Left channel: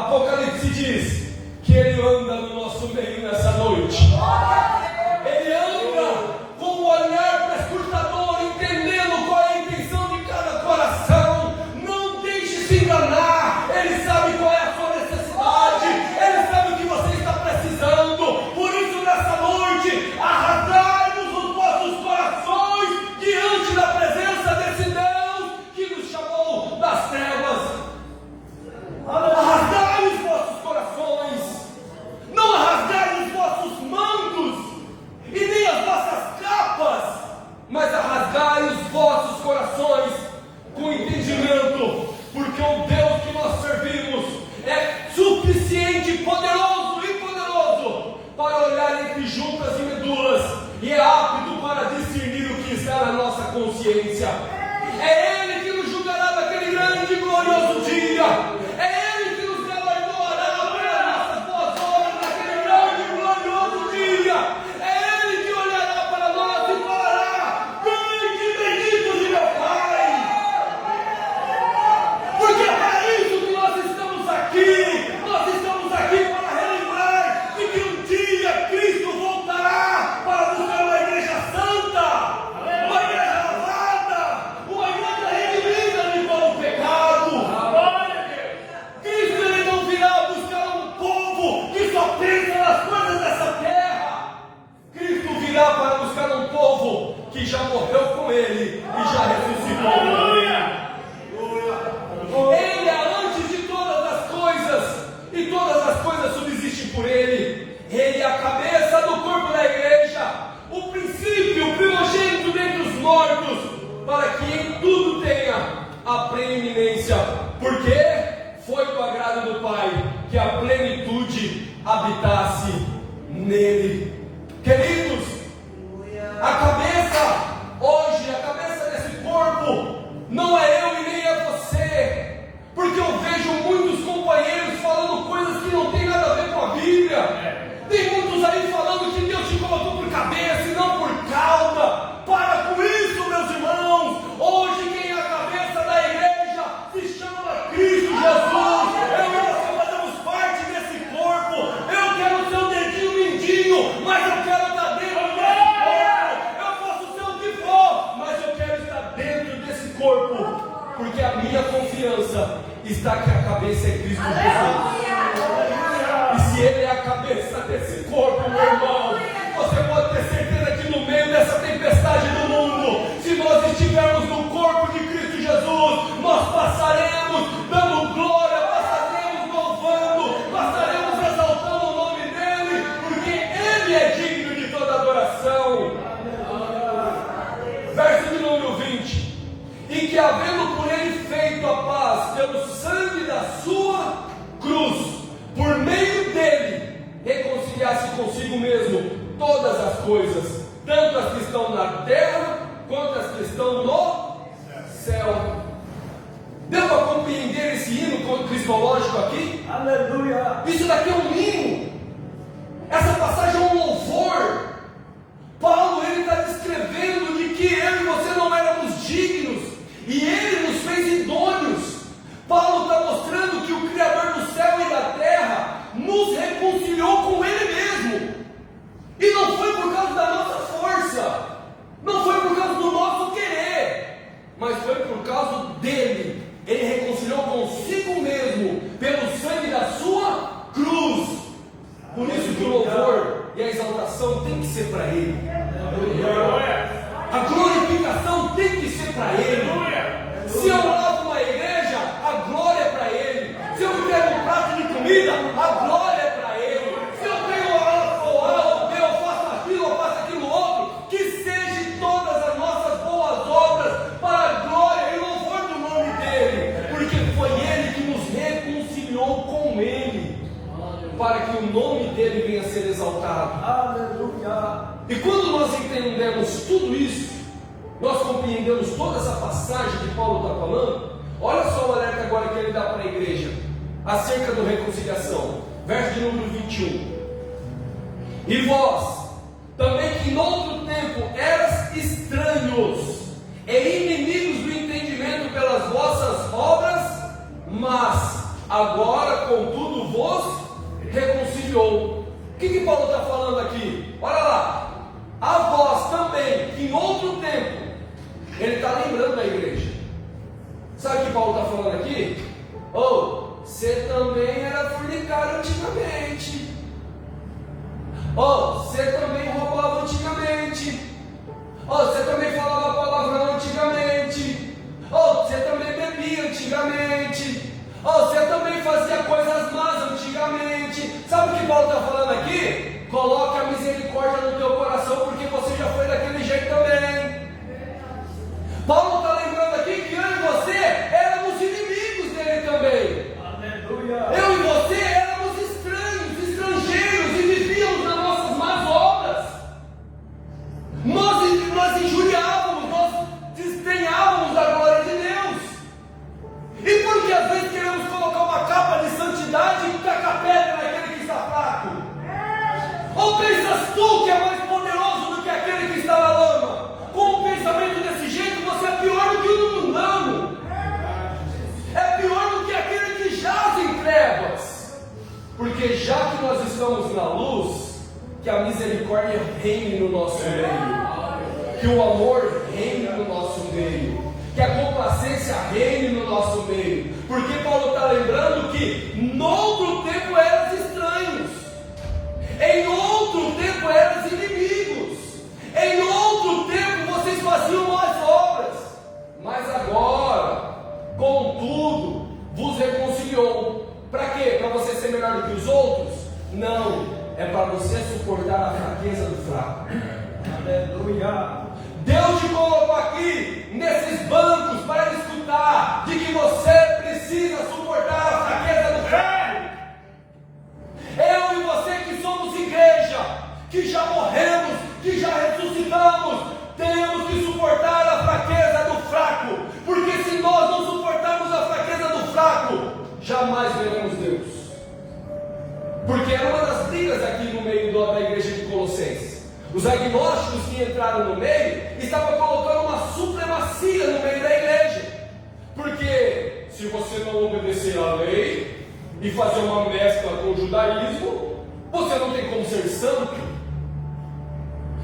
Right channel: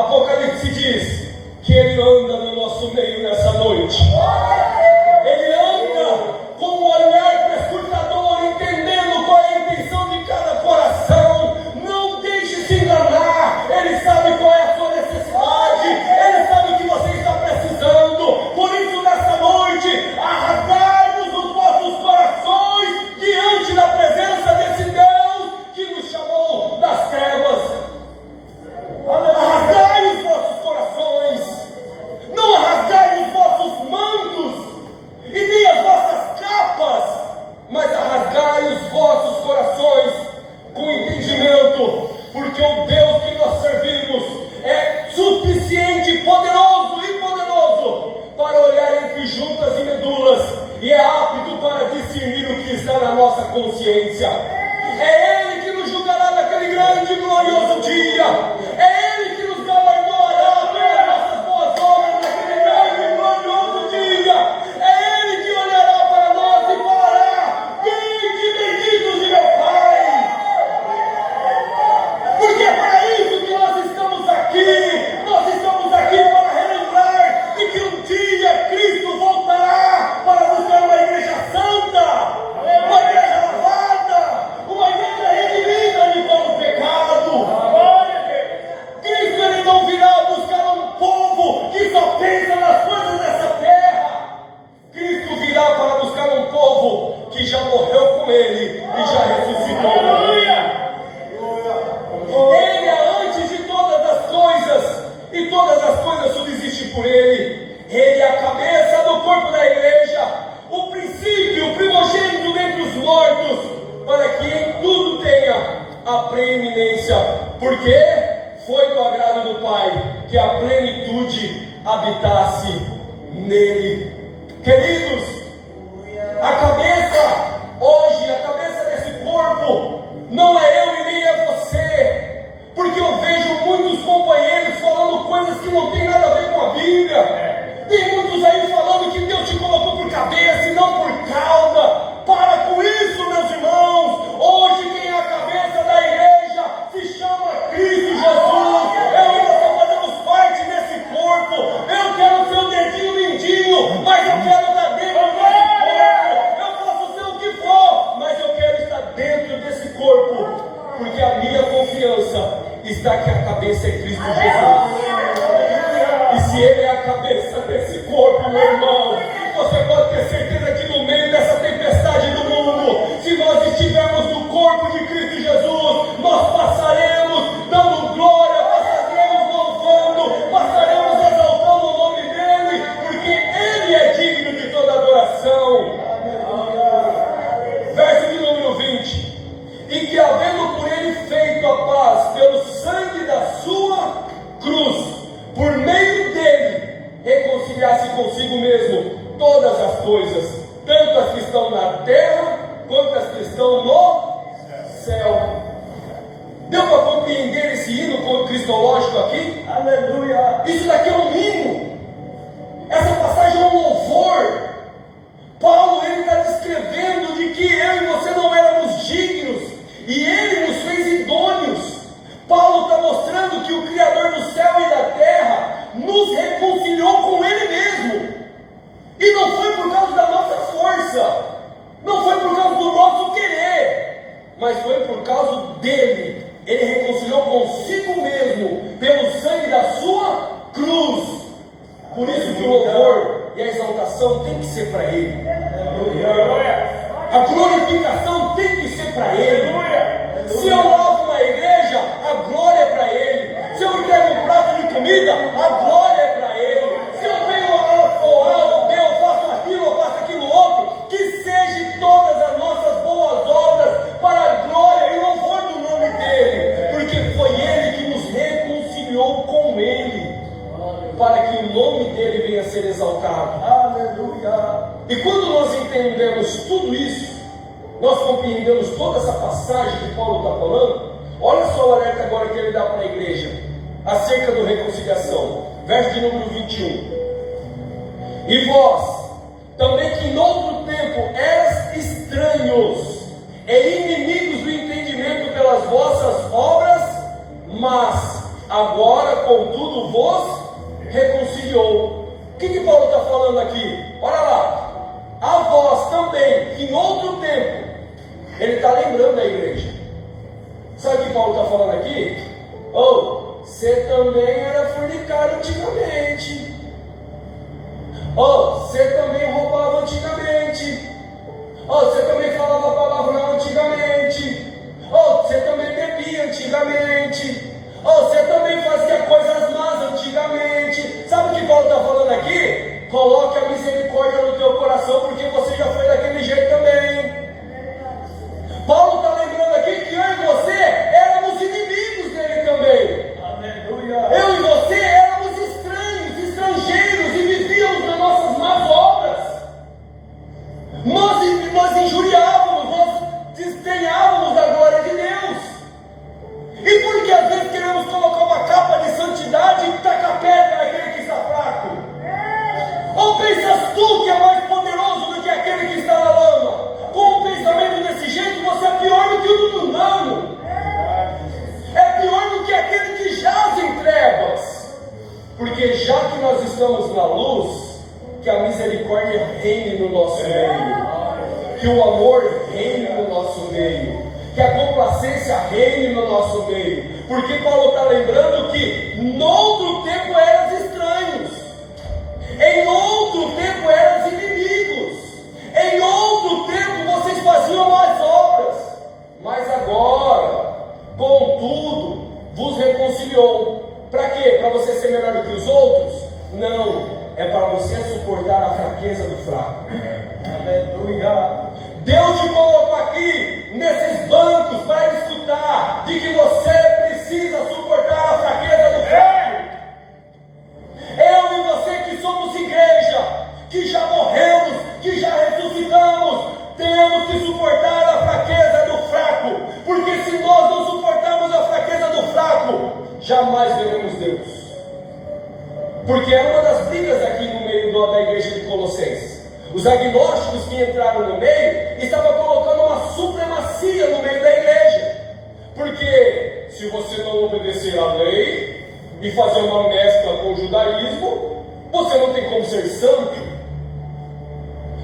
Apocalipse diz que Ele anda no nosso meio nessa noite. Ele anda com um olhar perscrutador, entendendo qual é a intenção de cada coração. Não deixe se enganar. Ele sabe qual é a sua necessidade. Ele sabe o que você está precisando. Por isso, nessa noite, arrasai-nos os vossos corações diante da presença desse Deus que nos chamou das trevas. Arrasgai os vossos corações. Não arrasgai os vossos mantos e nem as vossas capas, mas arrasgai os vossos corações com entendimento, porque o Deus que nós servimos é suficiente, poderoso e poderoso para olhar entre juntas e medulas, e é apto para discernir o que está na nossa consciência. É Ele que nos julgará naquele grande e glorioso dia. É Ele que nos galardoará pelas nossas boas obras naquele grande e glorioso dia. É Ele que olhará para nós e falará: vinde benditos de meu Pai. Porque é para isso que nós estamos aqui. Nós estamos aqui para relembrar de que um dia Cristo voltará para buscar uma igreja santa, uma igreja lavada, uma igreja redimida de todo o pecado. Cristo, Ele não virá buscar um povo que só pensa nas coisas dessa terra. Cristo virá para buscar um povo que já morreu com Ele e já ressuscitou com Ele. Ele é antes de todas as coisas, e todas as coisas subsistem por Ele. Ele é a cabeça do corpo da igreja, o princípio, o primogênito dentre os mortos, para que em tudo tenha a preeminência, porque foi do agrado do Pai que a plenitude habitasse nele. Queridos, a cabeça hoje, a cabeça desse corpo, não é eu e nem é você, porque eu vejo muitos companheiros falando coisas que não tem nada a ver com a Bíblia. Tem muitos aí falando que Deus te colocou por cabeça e não por cauda. Para com isso, meus irmãos. Hoje quem é a cabeça da igreja se chama Cristo Jesus. Eu e você fazemos parte desse corpo. Eu quero ser um dedinho mindinho, mas eu quero estar dentro desse corpo. Eu posso ser o que for, mas eu quero estar dentro desse corpo, porque a minha confiança está que a cabeça é Cristo Jesus. E se Ele é a cabeça desse corpo, meu irmão, você pode ter certeza que no meio dessa tempestade do mundo, se nós estivermos no corpo de Cristo Jesus, nós passaremos dando glória, passaremos louvando, passaremos exaltando o nome dEle, porque Ele é digno de toda adoração. Verso de número 20: e que havendo por Ele feito a paz pelo sangue da sua cruz, por meio dele reconciliasse consigo mesmo todas as coisas, tanto as que estão na terra quanto as que estão no céu. Deu para compreender esse hino cristológico aqui? Aleluia! Isso daqui é um hino. Essa passagem é um louvor. Paulo, ele está descrevendo de que eu e você não éramos dignos, e Ele nos fez idôneos. Paulo está mostrando que o Criador do céu e da terra nos reconciliou com Ele mesmo. E não foi por causa da nossa força, não foi por causa do nosso querer, mas foi por causa dEle. Ele reconciliou consigo mesmo pelo sangue da sua cruz. Por isso que o louvor e a exaltação tem que ser para Ele. A glorificação tem que ser para Ele. Se eu lavo uma igreja, a glória é para Ele. Se eu entrego um prato de comida, a glória é para Ele. Se eu tenho A ou A ou B, eu faço aquilo outro, que seja todas as nossas boas obras para a glória e louvor do nome dEle, porque foi Ele que nos reconciliou com Ele, para que o nome dEle venha a ser exaltado. Aleluia! E quando nós entendemos tudo isso, nós compreendemos toda essa passagem que Paulo está falando. Olha só o alerta agora que ele dá para a igreja acerca da reconciliação. Verso de número 21: e vós também, que noutro tempo eras estranhos e inimigos do entendimento pelas vossas obras, mas agora contudo vos reconciliou. O que Paulo está falando aqui? Olha lá, a vós também, que em outro tempo, ele está lembrando da igreja. Sabe o que Paulo está falando aqui? Você também era fornicário antigamente. Você também roubava antigamente. Você também falava palavrão antigamente. Você também bebia antigamente. Você também fazia coisas más antigamente. Sabe o que Paulo está falando aqui? Coloque a misericórdia no teu coração, porque você já foi daquele jeito também. Paulo está lembrando aqui que eu e você éramos inimigos dele também. Aleluia. Eu e você éramos estranhos, estrangeiros, e vivíamos nas nossas más obras. Nós injuriávamos, nós desdenhávamos da glória de Deus. E porque às vezes queremos colocar uma capa de santidade e tacar pedra naquele que está fraco? Ou pensas tu que é mais poderoso do que aquele que está na lama? Com um pensamento desse jeito, você é pior do que o do mundano. É pior do que aquele que jaz em trevas. Porque já que nós estamos na luz, que a misericórdia reine no nosso meio, que o amor reine no nosso meio, que a complacência reine no nosso meio. Porque Paulo está lembrando que noutro tempo eras estranhos, em outro tempo eras inimigos, em outro tempo vocês faziam más obras, mas agora, contudo, vos reconciliou. Para quê? Para você ser melhor do que os outros? Não, é para você suportar a fraqueza do fraco. Aleluia. Deus te colocou aqui nesses bancos para escutar de que você precisa suportar a fraqueza do fraco. Eu e você que somos igreja, que já morremos, que já ressuscitamos, temos que suportar a fraqueza do fraco, porque se nós não suportarmos a fraqueza do fraco, jamais veremos Deus. Porque era uma das brigas aqui no meio da igreja de Colossenses. Os agnósticos que entraram no meio estavam colocando uma supremacia no meio da igreja. Porque se você não obedecer à lei e fazer uma mescla com o judaísmo, você não tem como ser santo.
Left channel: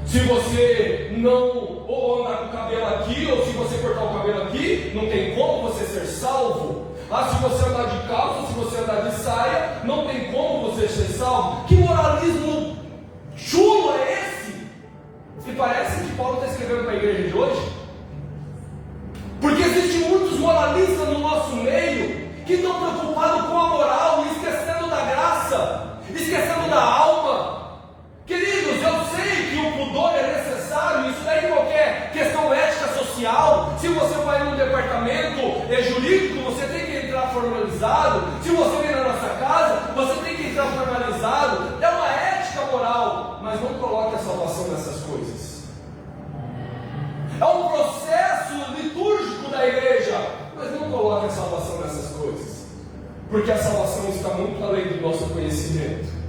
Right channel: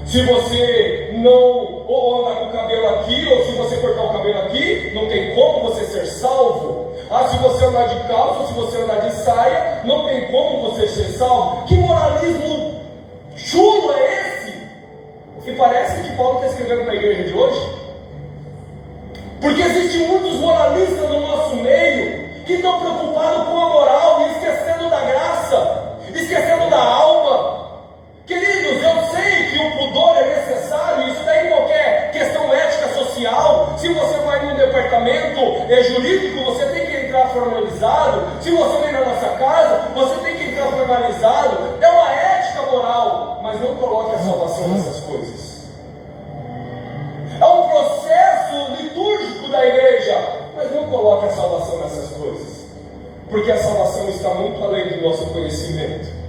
Se você não ou andar com o cabelo aqui, ou se você cortar o cabelo aqui, não tem como você ser salvo. Se você andar de calça, se você andar de saia, não tem como você ser salvo. Que moralismo chulo é esse? E parece que Paulo está escrevendo para a igreja de hoje. Porque existem muitos moralistas no nosso meio que estão preocupados com a moral e esquecendo da graça, esquecendo da alma. Queridos, eu sei que o pudor é necessário, isso daí em qualquer questão ética social. Se você vai num departamento jurídico, você tem que entrar formalizado. Se você vem na nossa casa, você tem que entrar formalizado. É uma ética moral, mas não coloque a salvação nessas coisas. É um processo litúrgico da igreja, mas não coloque a salvação nessas coisas, porque a salvação está muito além do nosso conhecimento.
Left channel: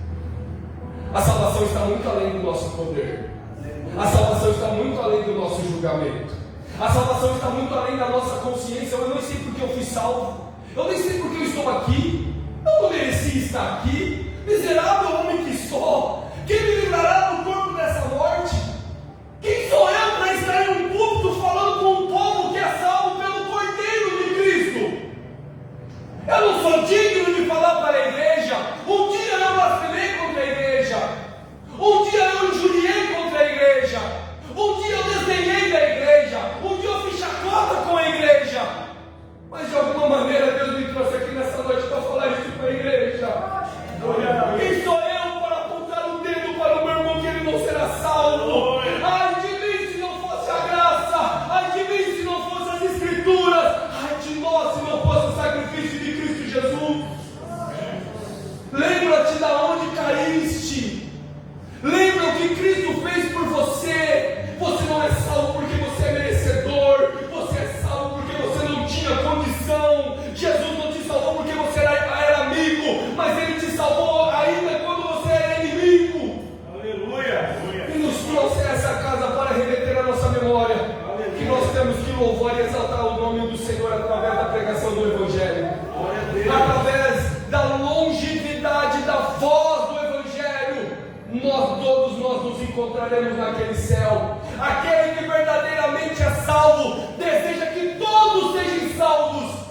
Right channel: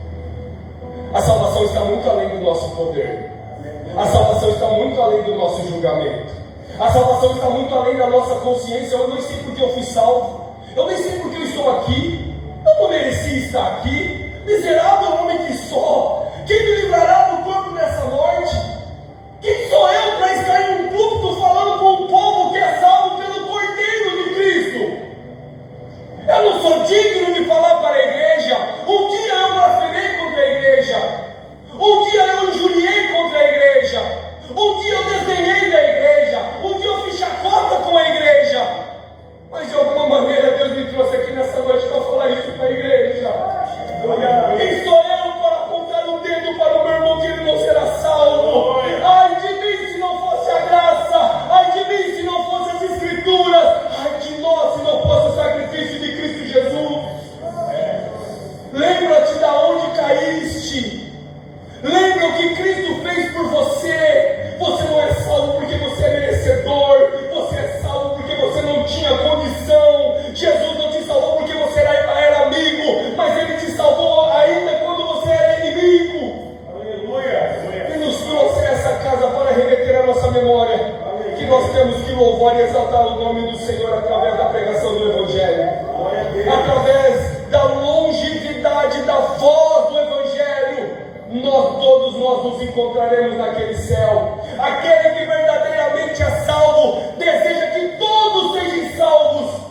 A salvação está muito além do nosso poder. A salvação está muito além do nosso julgamento. A salvação está muito além da nossa consciência. Eu nem sei porque eu fui salvo. Eu nem sei porque eu estou aqui. Eu não mereci estar aqui. Miserável homem que sou. Quem me livrará do corpo dessa morte? Quem sou eu para estar em um púlpito falando com um povo que é salvo pelo Cordeiro de Cristo? Eu não sou digno de falar para a igreja. Um dia eu blasfemei contra a igreja. Um dia eu injuriei contra a igreja. Um dia eu desdenhei da igreja. Um dia eu fiz chacota com a igreja. Mas de alguma maneira Deus me trouxe aqui nessa noite para falar isso para a igreja. Quem sou eu para apontar o dedo para o meu irmão que ele não será salvo? Ai de mim se não fosse a graça. Ai de mim se não fosse as escrituras. Ai de nós se não fosse o sacrifício de Cristo Jesus. Lembra-te da onde caíste. Lembra o que Cristo fez por você. Você não é salvo porque você é merecedor. Você é salvo porque encontraremos naquele céu. Aquele que verdadeiramente é salvo deseja que todos sejam salvos.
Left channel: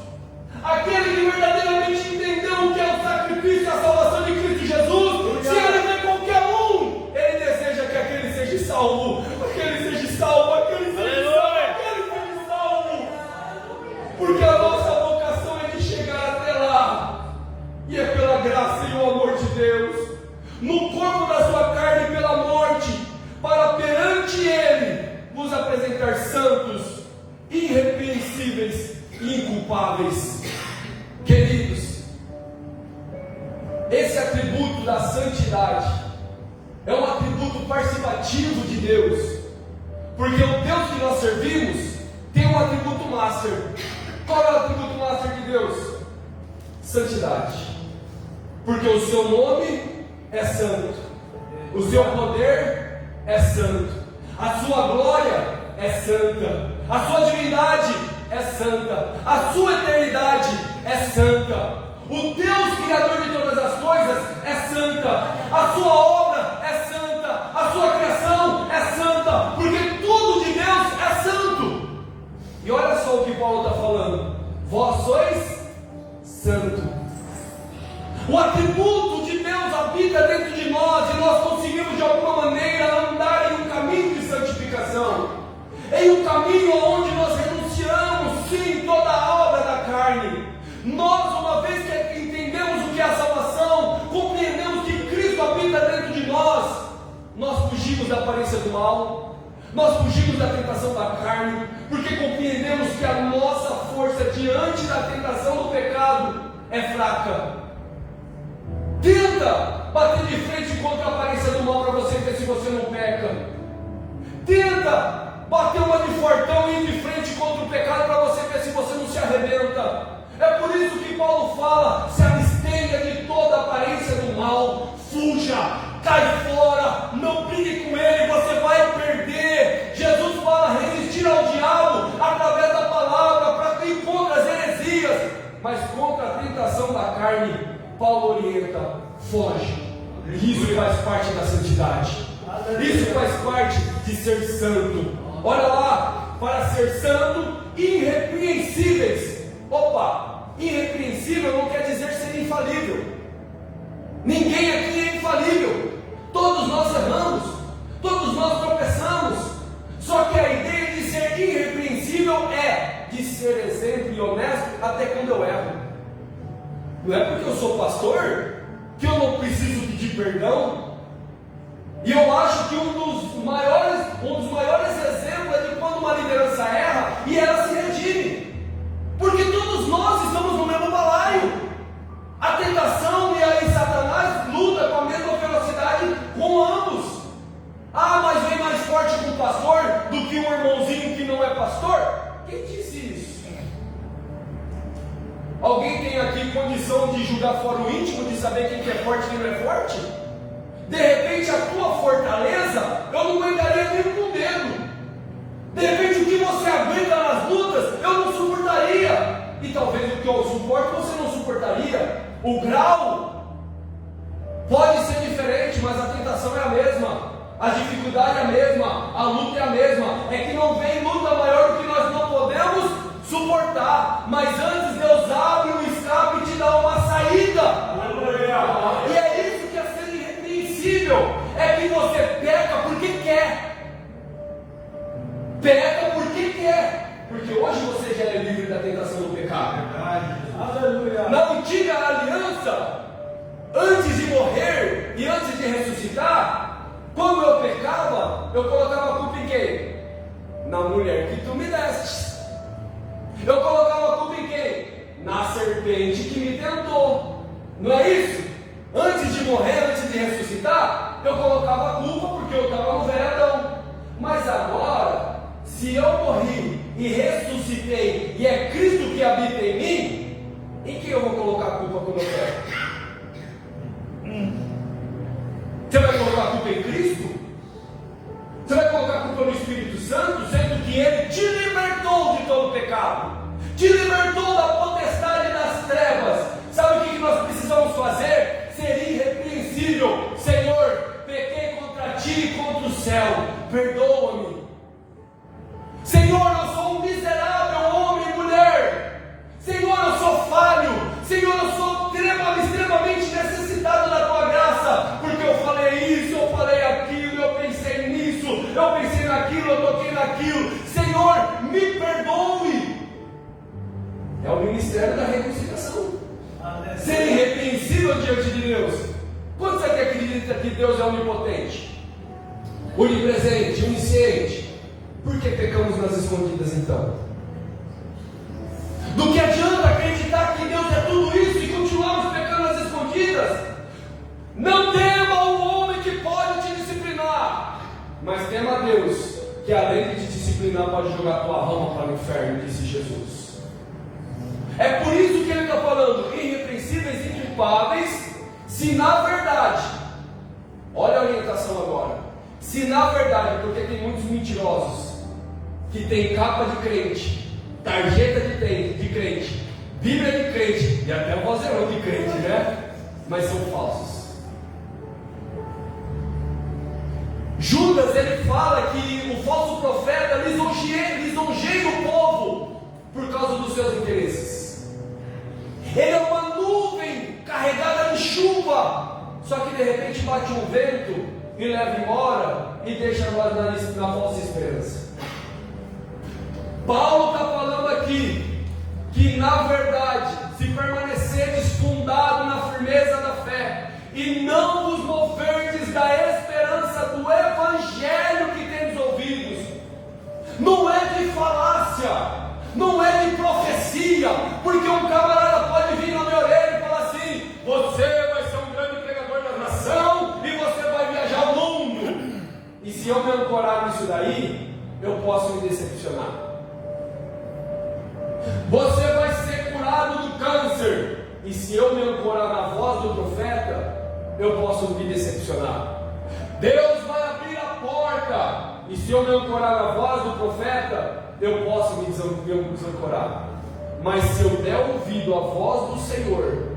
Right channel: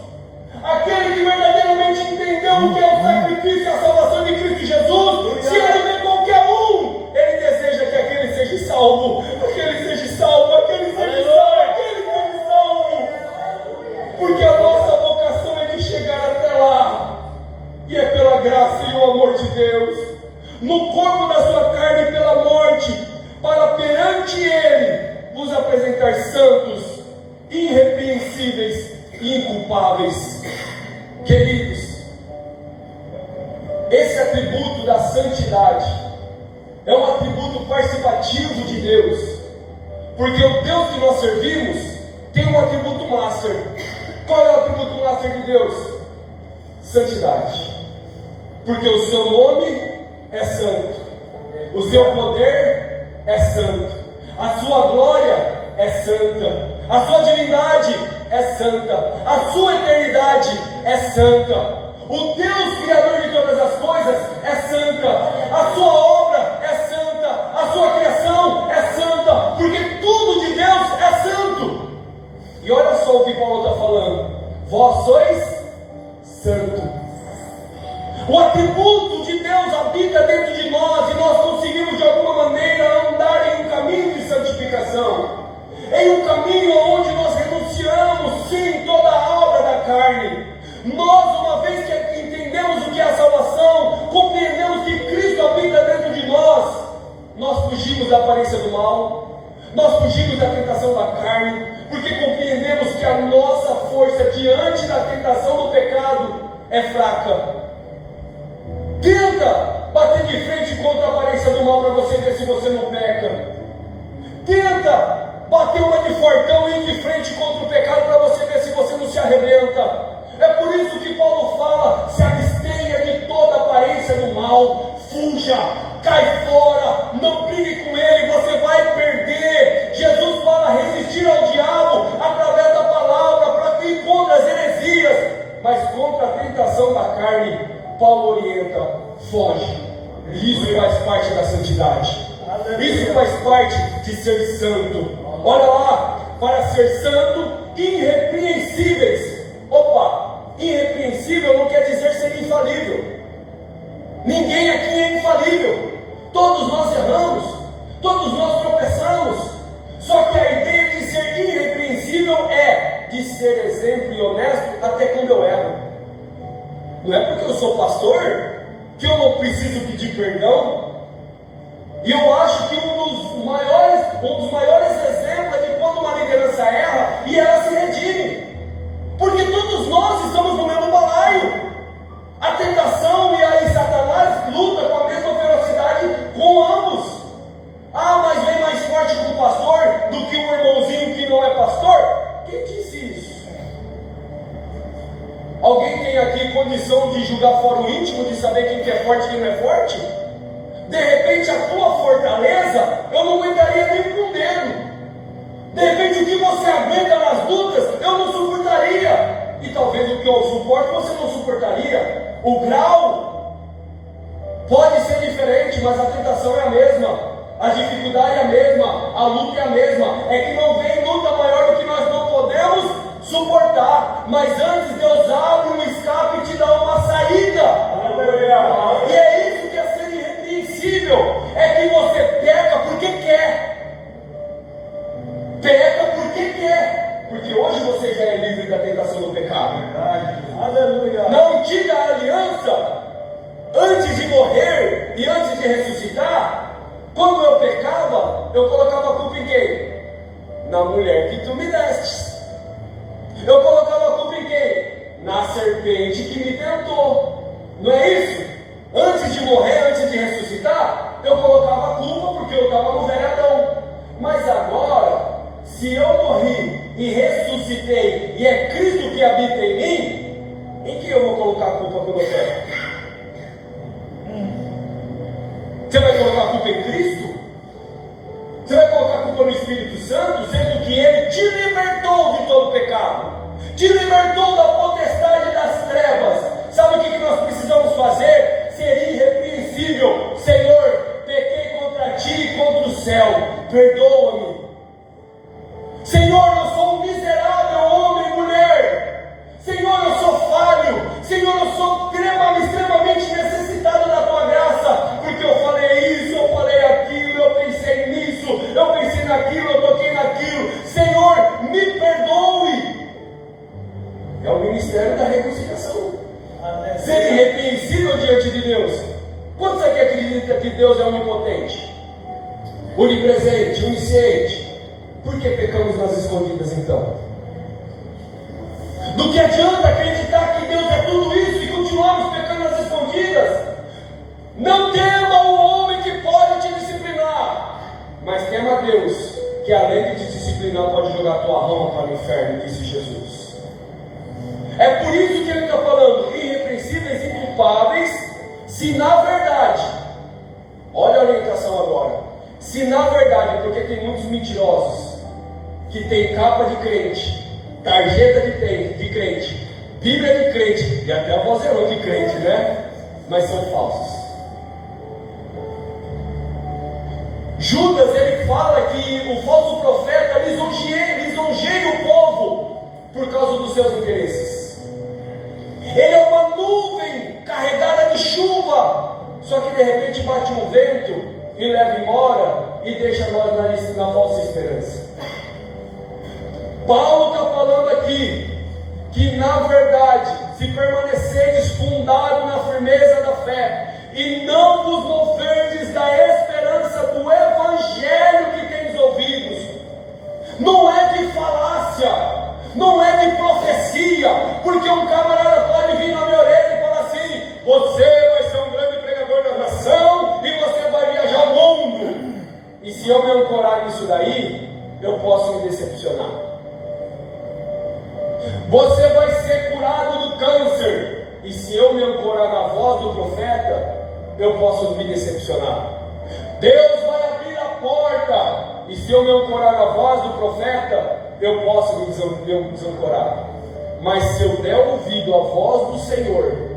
Aquele que verdadeiramente entendeu o que é o sacrifício e a salvação de Cristo Jesus, se ele vê qualquer um, ele deseja que aquele seja salvo, aquele seja salvo, aquele seja salvo, aquele seja salvo. Porque a nossa vocação é de chegar até lá, e é pela graça e o amor de Deus, no corpo da sua carne pela morte, para perante Ele vos apresentar santos, irrepreensíveis e inculpáveis. Queridos, esse atributo da santidade é um atributo participativo de Deus, porque o Deus que nós servimos tem um atributo master. Qual é o atributo master de Deus? Santidade. Porque o seu nome é santo, o seu poder é santo, a sua glória é santa, a sua divindade é santa, a sua eternidade é santa, o Deus Criador de todas as coisas é santa, a sua obra é santa, a sua criação é santa, porque tudo de Deus é santo. E olha só o que Paulo está falando: vós sois santo. O atributo de Deus habita dentro de nós, e nós conseguimos de alguma maneira andar em um caminho de santificação, em um caminho onde nós renunciamos sim toda a obra da carne. Nós, uma vez que entendemos o que é a salvação, compreendemos que Cristo habita dentro de nós, nós fugimos da aparência do mal, nós fugimos da tentação da carne, porque compreendemos que a nossa força diante da tentação do pecado é fraca. Tenta bater de frente contra a aparência do mal para você ver se você não peca. Tenta bater uma de fortão e ir de frente contra o pecado para você ver se você não se arrebenta. É por isso que Paulo fala: se abstenha de toda aparência do mal, fuja, cai fora, não brigue com ele, você vai perder. Jesus fala resistir ao diabo através da palavra para ir contra as heresias, mas contra a tentação da carne Paulo orienta: foge. E isso faz parte da santidade. Isso faz parte de ser santo. Olha lá, para ser santo, irrepreensíveis. Opa, irrepreensível não quer dizer ser infalível. Ninguém aqui é infalível. Todos nós erramos, todos nós tropeçamos. Só que a ideia de ser irrepreensível é de ser exemplo e honesto até quando eu erro. Não é porque eu sou pastor que eu não preciso pedir perdão. E eu acho que um dos maiores exemplos é de quando uma liderança erra e ela se redime. Porque todos nós estamos no mesmo balaio. A tentação e aí Satanás luta com a mesma velocidade com ambos. Ah, mas vem mais forte com o pastor do que o irmãozinho que não é pastor? Quem disse isso? Alguém tem aqui condição de julgar fora o íntimo, de saber quem que é forte e quem não é forte? De repente a tua fortaleza, eu não aguentaria nem com o dedo. De repente o que você aguenta nas lutas, eu não suportaria. E talvez o que eu suporto, você não suportaria. O grau pode ser diferente, mas a tentação é a mesma. A dificuldade é a mesma, a luta é a mesma. É que não vem luta maior do que nós não podemos suportar. Mas antes Deus abre um escape e te dá uma saída. E é isso que é ser irrepreensível. É que você peca porque quer. Peca porque quer. Porque hoje você já é livre da tentação do pecado. Aleluia. Na antiga aliança, antes de morrer e antes de ressuscitar, quando eu pecava, eu colocava a culpa em quem? Na mulher que tu me deste. Eu colocava a culpa em quem? Na serpente que me tentou. Não é isso? Antes de morrer, antes de ressuscitar, eu colocava a culpa porque eu estava no velho Adão. Mas agora, se eu morri e ressuscitei e é Cristo que habita em mim, em quem eu vou colocar a culpa quando eu peco? Você vai colocar a culpa em Cristo? Você vai colocar a culpa no Espírito Santo, sendo que Ele te libertou de todo pecado, te libertou da potestade das trevas. Sabe o que nós precisamos fazer? Ser irrepreensível. Senhor, pequei contra Ti e contra os perdoa-me. Senhor, eu sou um miserável homem e mulher. Senhor, eu sou falho. Senhor, eu sou extremamente necessitado da tua graça, porque eu falei isso, eu falei aquilo, eu pensei nisso, eu pensei naquilo, eu toquei naquilo. Senhor, me perdoe. É o ministério da reconciliação. Ser irrepreensível diante de Deus. Quantos aqui acreditam que Deus é onipotente, onipresente, onisciente? Por que pecamos nas escondidas então? Do que adianta acreditar que Deus é tudo isso e continuamos pecando nas escondidas? Não tema o homem que pode te disciplinar, mas tema a Deus, que além de te disciplinar pode jogar tua alma para o inferno, disse Jesus. É por isso que ele está falando, irrepreensíveis e culpáveis, se na verdade, olha a orientação agora, se na verdade, porque tem muitos mentirosos, que tem capa de crente, tarjeta de crente, Bíblia de crente, e até o vozeirão de crente, né? Mas são falsos. Judas, ele fala que o falso profeta lisonjeia o povo por causa dos seus interesses. Ele é uma nuvem carregada de chuva, só que de repente bate um vento e leva embora e deixa nós na falsa esperança. Paulo está falando aqui que na verdade, se permanecerdes fundado na firmeza da fé e não vos moverdes da esperança do evangelho que tendes ouvidos, não é de falácia, não é de profecia, porque um camarada pode vir na minha orelha e falar assim: você vai ser um grande pregador da nação e você vai viajar o mundo. E se eu me ancorar nisso daí, eu posso me decepcionar. Você vai ser curado do câncer, e se eu me ancorar na voz do profeta, eu posso me decepcionar. Deus vai abrir a porta, e se eu me ancorar na voz do profeta, eu posso me desancorar. Mas se eu der ouvido à voz do Senhor,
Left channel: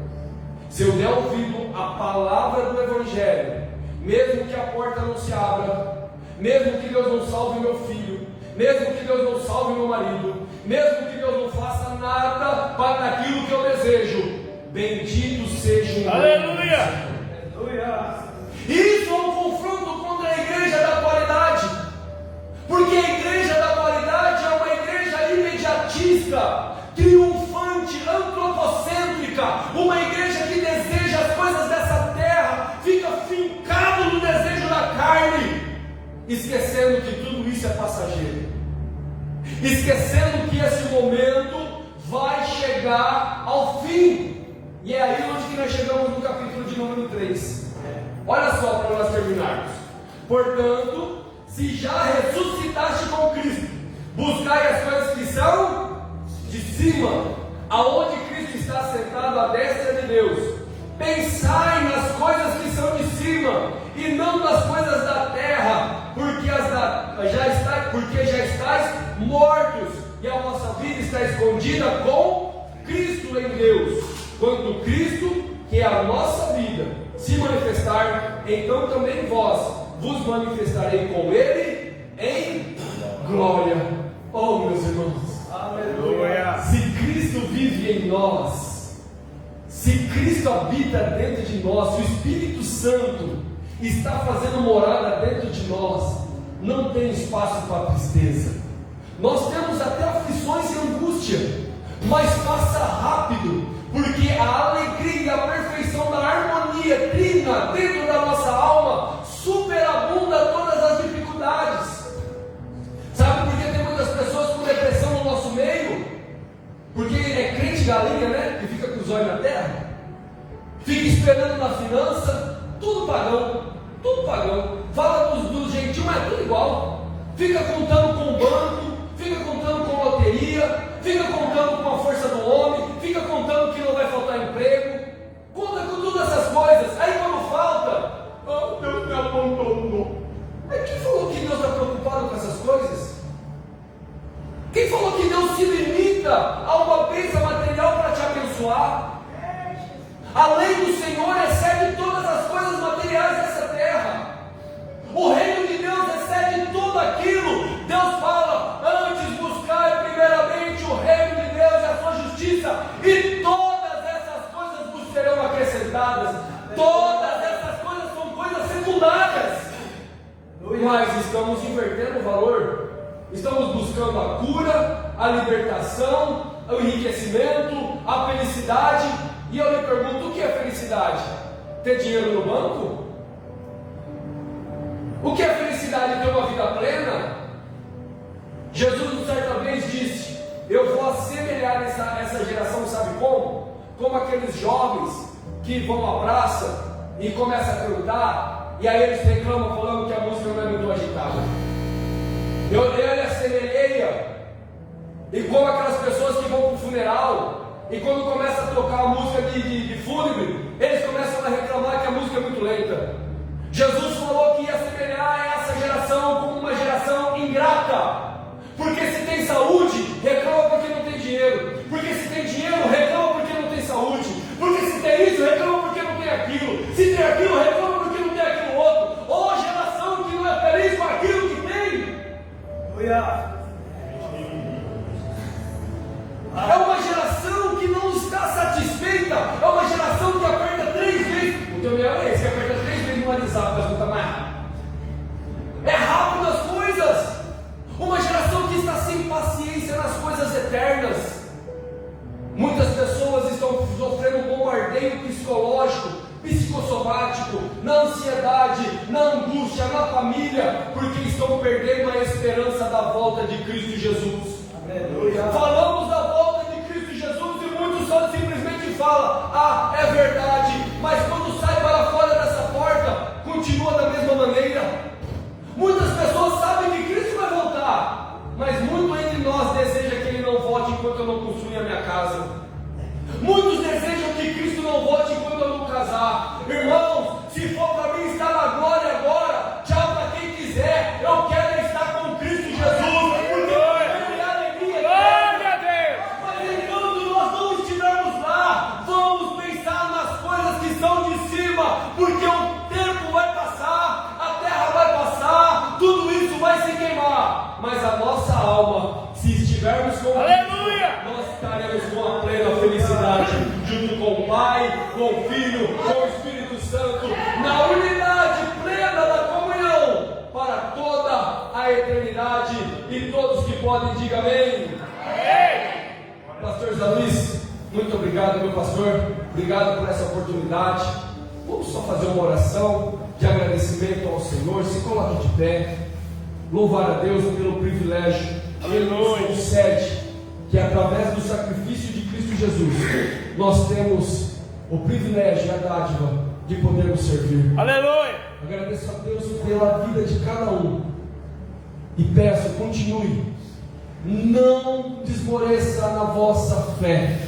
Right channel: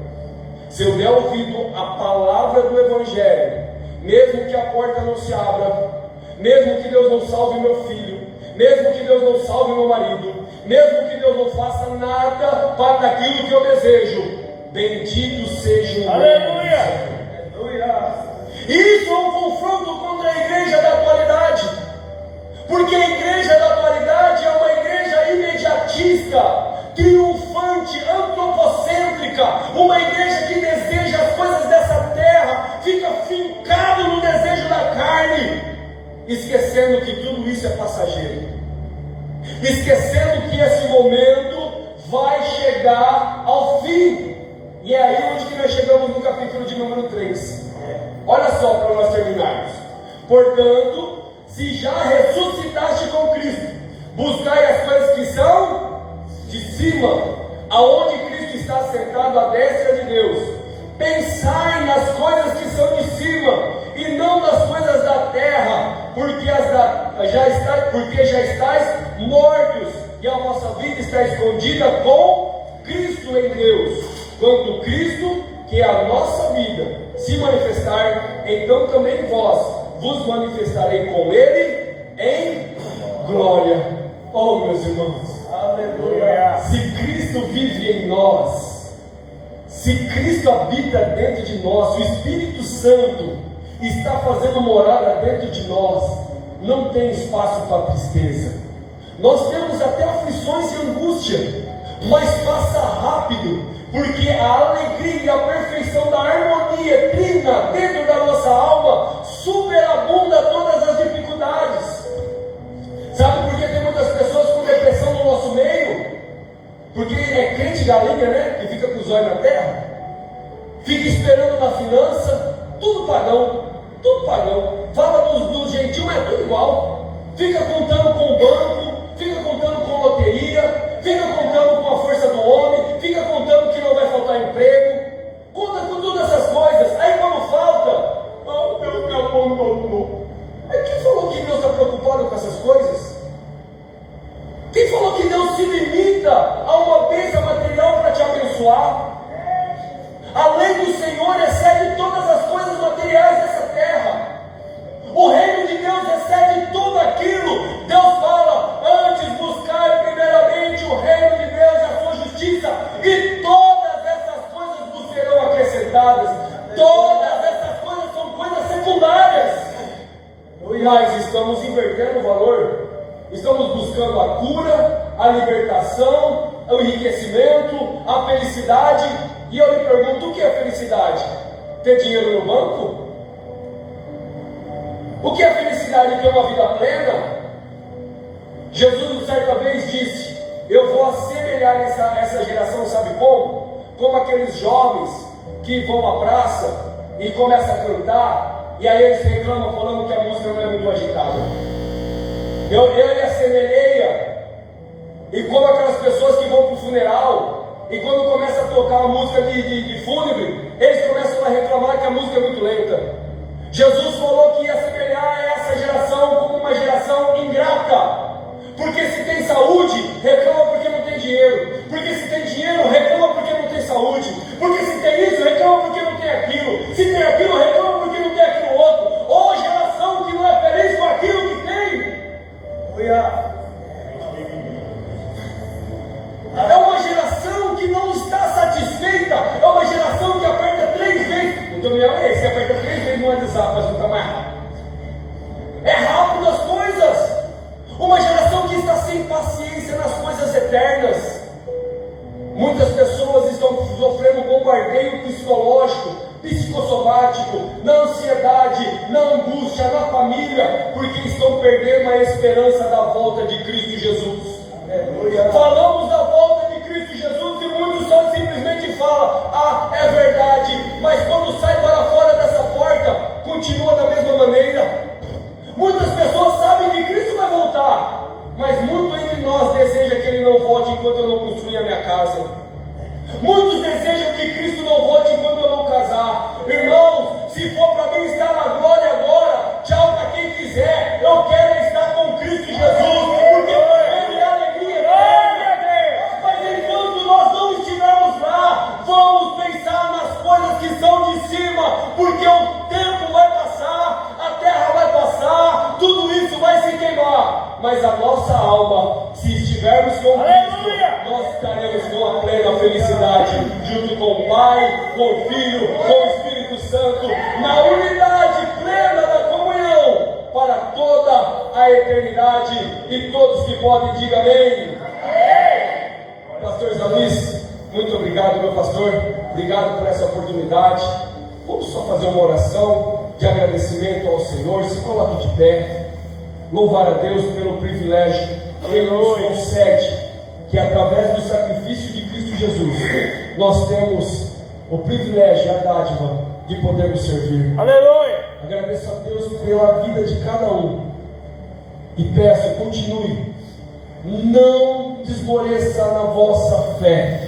se eu der ouvido à palavra do Evangelho, mesmo que a porta não se abra, mesmo que Deus não salve meu filho, mesmo que Deus não salve meu marido, mesmo que Deus não faça nada para aquilo que eu desejo, bendito seja o nome. Aleluia! Isso é um confronto contra a igreja da atualidade, porque a igreja da atualidade é uma igreja imediatista, triunfante, antropocêntrica, uma igreja que deseja as coisas dessa terra, fica fincado no desejo da carne, esquecendo que tudo isso é passageiro, esquecendo que esse momento vai chegar ao fim. E é aí onde que nós chegamos no capítulo de número 3. Olha só, para nós terminarmos. Portanto, se já ressuscitaste com Cristo, buscai as coisas que são de cima, aonde Cristo está sentado à destra de Deus. Pensai nas coisas que são de cima, e não nas coisas da terra, porque já estáis mortos, e a vossa vida está escondida com Cristo em Deus. Quando Cristo, que é a nossa vida, se manifestar, então também vós vos manifestarei com Ele em glória. Oh, meus irmãos, Aleluia! se Cristo vive em nós, se Cristo habita dentro de nós, se o Espírito Santo está fazendo morada dentro de nós, não tem espaço para tristeza. Nós temos até aflições e angústia, mas passa rápido, porque a alegria e a perfeição da harmonia trina dentro da nossa alma superabunda todas as dificuldades. Sabe por que tem muitas pessoas com depressão no nosso meio? Porque é crente galinha, né? Que fica com os olhos na terra, fica esperando na finança, tudo pagão, fala dos gentios, mas é tudo igual, fica contando com o banco, fica contando com loteria, fica contando com a força do homem, fica contando que não vai faltar emprego, conta com todas essas coisas. Aí quando falta, Deus me abandonou. Aí quem falou que Deus está preocupado com essas coisas? Quem falou que Deus se limita a uma bênção material para te abençoar? A lei do Senhor excede todas as coisas materiais dessa terra. O reino de Deus excede tudo aquilo. Deus fala: antes buscai primeiramente o reino de Deus e a sua justiça, e todas essas coisas vos serão acrescentadas. Todas essas coisas são coisas secundárias. Nós estamos invertendo o valor. Estamos buscando a cura, a libertação, o enriquecimento, a felicidade. E eu lhe pergunto: o que é felicidade? Ter dinheiro no banco? O que é felicidade? Ter uma vida plena? Jesus certa vez disse: eu vou assemelhar essa geração, sabe como? Como aqueles jovens que vão à praça e começam a cantar, e aí eles reclamam falando que a música não é muito agitada. Eu lhe assemelhei e como aquelas pessoas que vão para o funeral, e quando começa a tocar a música de fúnebre, eles começam a reclamar que a música é muito lenta. Jesus falou que ia assemelhar essa geração como uma geração ingrata, porque se tem saúde, reclama porque não tem dinheiro, porque se tem dinheiro, reclama porque não tem saúde, porque se tem isso, reclama porque não tem aquilo, se tem aquilo, reclama porque não tem aquilo outro. Ou geração que não é feliz com aquilo que tem. É uma geração que não está satisfeita. É uma geração que aperta 3 vezes. O Daniel é esse que aperta 3 vezes no WhatsApp para escutar mais rápido. É rápido as coisas. Uma geração que está sem paciência nas coisas eternas. Muitas pessoas estão sofrendo um bombardeio psicológico, psicossomático, na ansiedade, na angústia, na família, porque estão perdendo a esperança da volta de Cristo Jesus. Aleluia. Falamos da volta de Cristo Jesus e muitos só simplesmente falam: ah, é verdade, mas quando sai para fora dessa porta, continua da mesma maneira. Muitas pessoas sabem que Cristo vai voltar, mas muito entre nós deseja que Ele não volte enquanto eu não construir a minha casa. Muitos desejam que Cristo não volte enquanto eu não casar. Irmãos, se for para mim estar na glória agora, tchau para quem quiser. Eu quero estar com Cristo Jesus, porque Ele é alegria eterna. Mas enquanto nós não estivermos lá, vamos pensar nas coisas que são de cima, porque o tempo vai passar, a terra vai passar, tudo isso vai se queimar, mas a nossa alma, se estivermos com Cristo, nós estaremos com a plena felicidade, junto com o Pai, com o Filho, com o Espírito Santo, na unidade plena da comunhão, para toda a eternidade. E todos que podem, digam amém. Pastor Zé Luiz, muito obrigado, meu pastor, obrigado por essa oportunidade. Vamos só fazer uma oração de agradecimento ao Senhor. Se coloque de pé, louvar a Deus pelo privilégio que Ele nos concede, que através do sacrifício de Cristo Jesus, nós temos o privilégio e a dádiva de podermos servir. Aleluia! Agradeço a Deus pela vida de cada um e peço, continue, não desmoreça na vossa fé,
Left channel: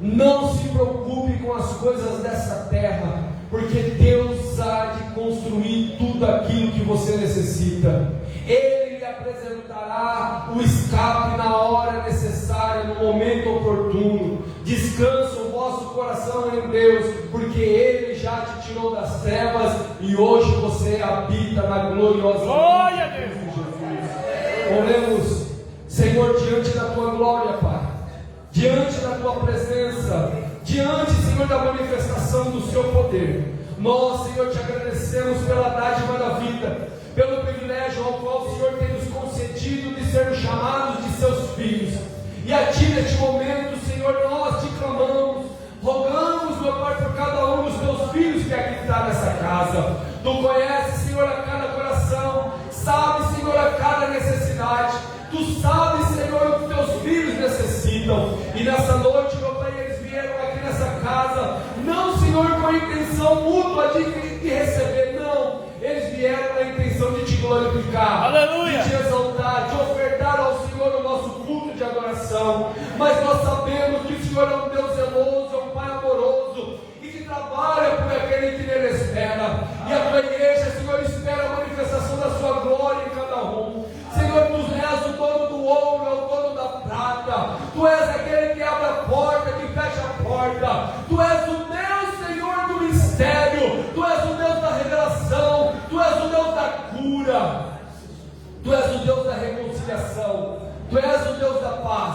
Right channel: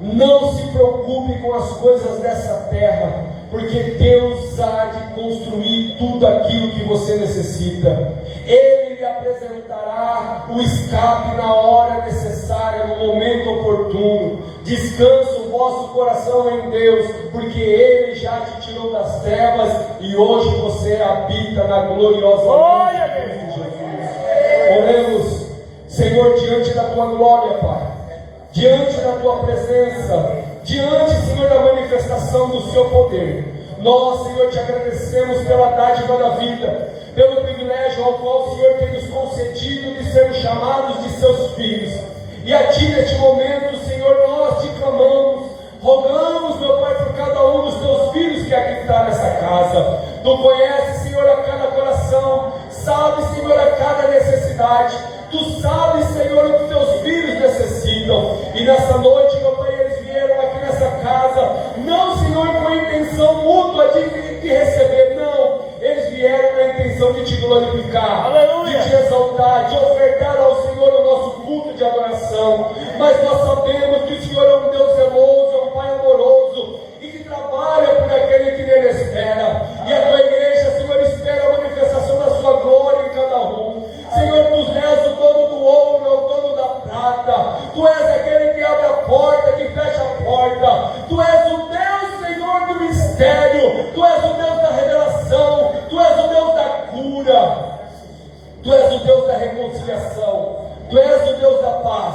não se preocupe com as coisas dessa terra, porque Deus há de construir tudo aquilo que você necessita. Ele lhe apresentará o escape na hora necessária, no momento oportuno. Descansa o vosso coração em Deus, porque Ele já te tirou das trevas e hoje você habita na gloriosa glória de Jesus. Oremos, Senhor, diante da Tua glória, Pai, diante da Tua presença, diante, Senhor, da manifestação do Seu poder. Nós, Senhor, te agradecemos pela dádiva da vida, pelo privilégio ao qual o Senhor tem nos concedido de sermos chamados de seus filhos. E a Ti, neste momento, Senhor, nós te clamamos, rogamos, meu Pai, por cada um dos Teus filhos que aqui está nessa casa. Tu conheces, Senhor, a cada coração, sabes, Senhor, a cada necessidade. Tu sabes, Senhor, o que Teus filhos necessitam. E nessa noite, meu Pai, eles vieram aqui nessa casa, não, Senhor, com a intenção mútua de receber, não. Eles vieram na intenção de te glorificar, aleluia, de te exaltar, de ofertar ao Senhor o nosso culto de adoração. Mas nós sabemos que o Senhor é um Deus zeloso, é um Pai amoroso, e que trabalha por aquele que nele espera. E a Tua igreja, Senhor, espera a manifestação da Sua glória em cada um. Senhor, Tu és o dono do ouro, é o dono da prata. Tu és aquele que abre a porta, que fecha a porta. Tu és o Deus, Senhor, do mistério. Tu és o Deus da revelação. Tu és o Deus da reconciliação. Tu és o Deus da paz,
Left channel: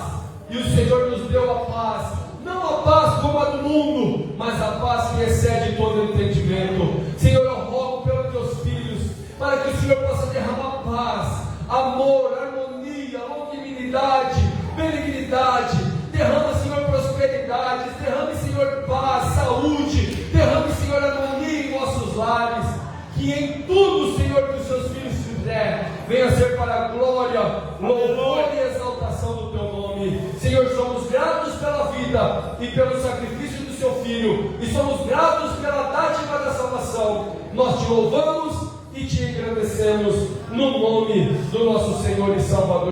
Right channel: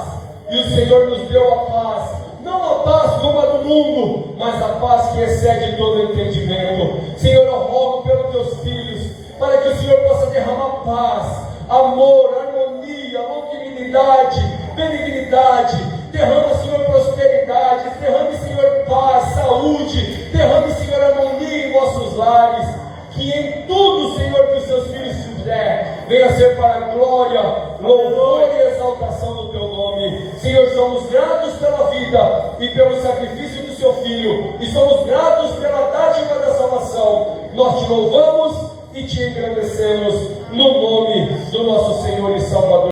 e o Senhor nos deu a paz, não a paz como a do mundo, mas a paz que excede todo entendimento. Senhor, eu rogo pelos teus filhos, para que o Senhor possa derramar paz, amor, harmonia, longanimidade, benignidade. Derrama, Senhor, prosperidade, derrame, Senhor, paz, saúde, derrame, Senhor, harmonia em nossos lares. Que em tudo, Senhor, que os seus filhos fizer, venha ser para a glória, louvor e exaltação do teu nome. Senhor, somos gratos pela vida e pelo sacrifício do seu Filho, e somos gratos pela dádiva da salvação. Nós te louvamos e te engrandecemos no nome do nosso Senhor e Salvador